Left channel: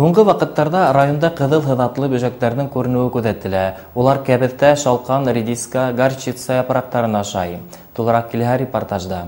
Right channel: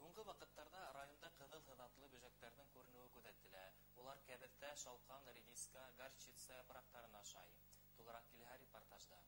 Һуңгы вакыттарда районда кызыл хыдатлы бөҗәкләрнең күренүе күзәтелә. Улар кәбестә, шалкан, редиска, горчица япрактарын ашай. Тулырак килә репортажда.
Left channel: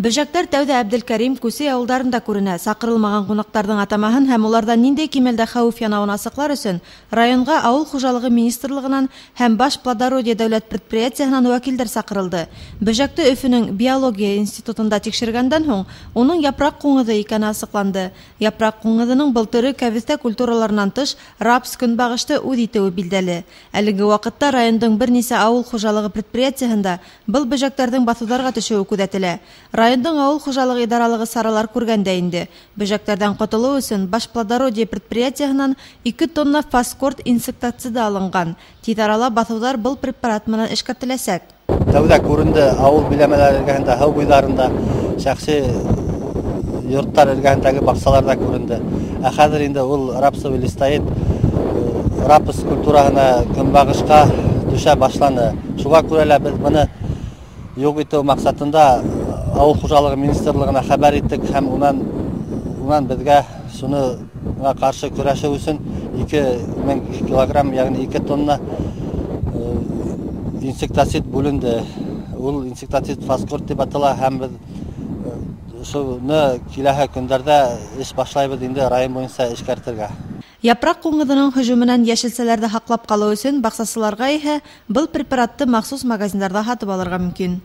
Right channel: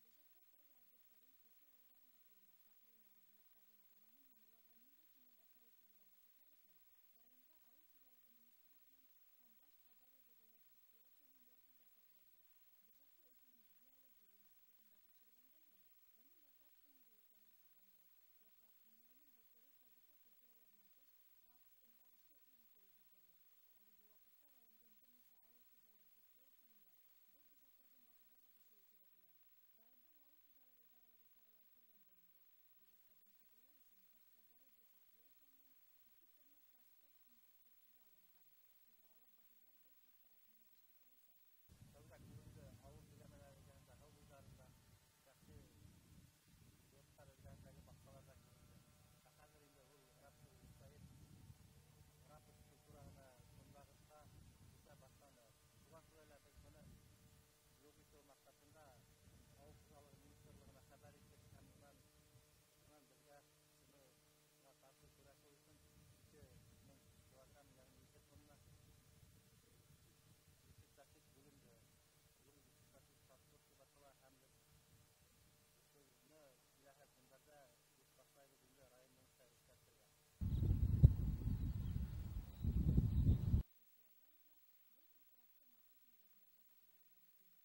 Бөҗәктәр тәүдә Әбделкәрим, Күсе авылдарында күренә. Сакырылмаган кунакларның атамаһын һәм улардан ниндәй кимәлдә хәвеф янавын асыклар өчен районга Авыл хуҗалыгы министрлыгынан һәм Баш плодородие дәүләт предприятиеһеннән вәкилләр сакырылды. Бөҗәкте Өфөнең биология институтында тикшергәндән һуң, уның япрак куңгызы икәне асыкланды. Япрак куңгызының был төрө кәбестә культураларынан тыш рапс, көнбагышты үз итеүе билдәле. Әлеге вакытта райондың бернисә авыл хуҗалыгы предприятиеһендә был бөҗәкләрнең басуларга төшүе күзәтелә. Райондың авыл хуҗалыгы идаралыгы саралар күргәндә инде. Бөҗәкләрдән котылу өчен Баш плодородие предприятиеһеннән 2 тонна фаскорт инсектициды алынган. Тиз арала басулар был препарат менән эшкәртеләсәк. Тәүдә күренде авыл биләмәләре эргәһендә, һау буйларында, шәхси йорттар эргәһендәге баксаларда күренде. Ә хәзер инде ул рапсовый листоид рапс культураһына көнбагышка төшә башланы. Шуңа күрә лә без моны юк итү максатында Авыл хуҗалыгы министрлыгына хәбәр иттек һәм унан безгә шуңа каршы көрәшү өчен 2000 килограмм, ягъни 2 тонна инсектицид бүленде. Ул инсектицид фаскорт дип атала һәм без шуны киләһе көндәрдә эш башлайбыз инде район буенча эшкәртергә. Япрак куңгызының һөҗүменнән яшелсәләрдә һаклап калу өчен баксасыларга иһә был препаратты махсус магазиннарда һатып алырга мөмкин.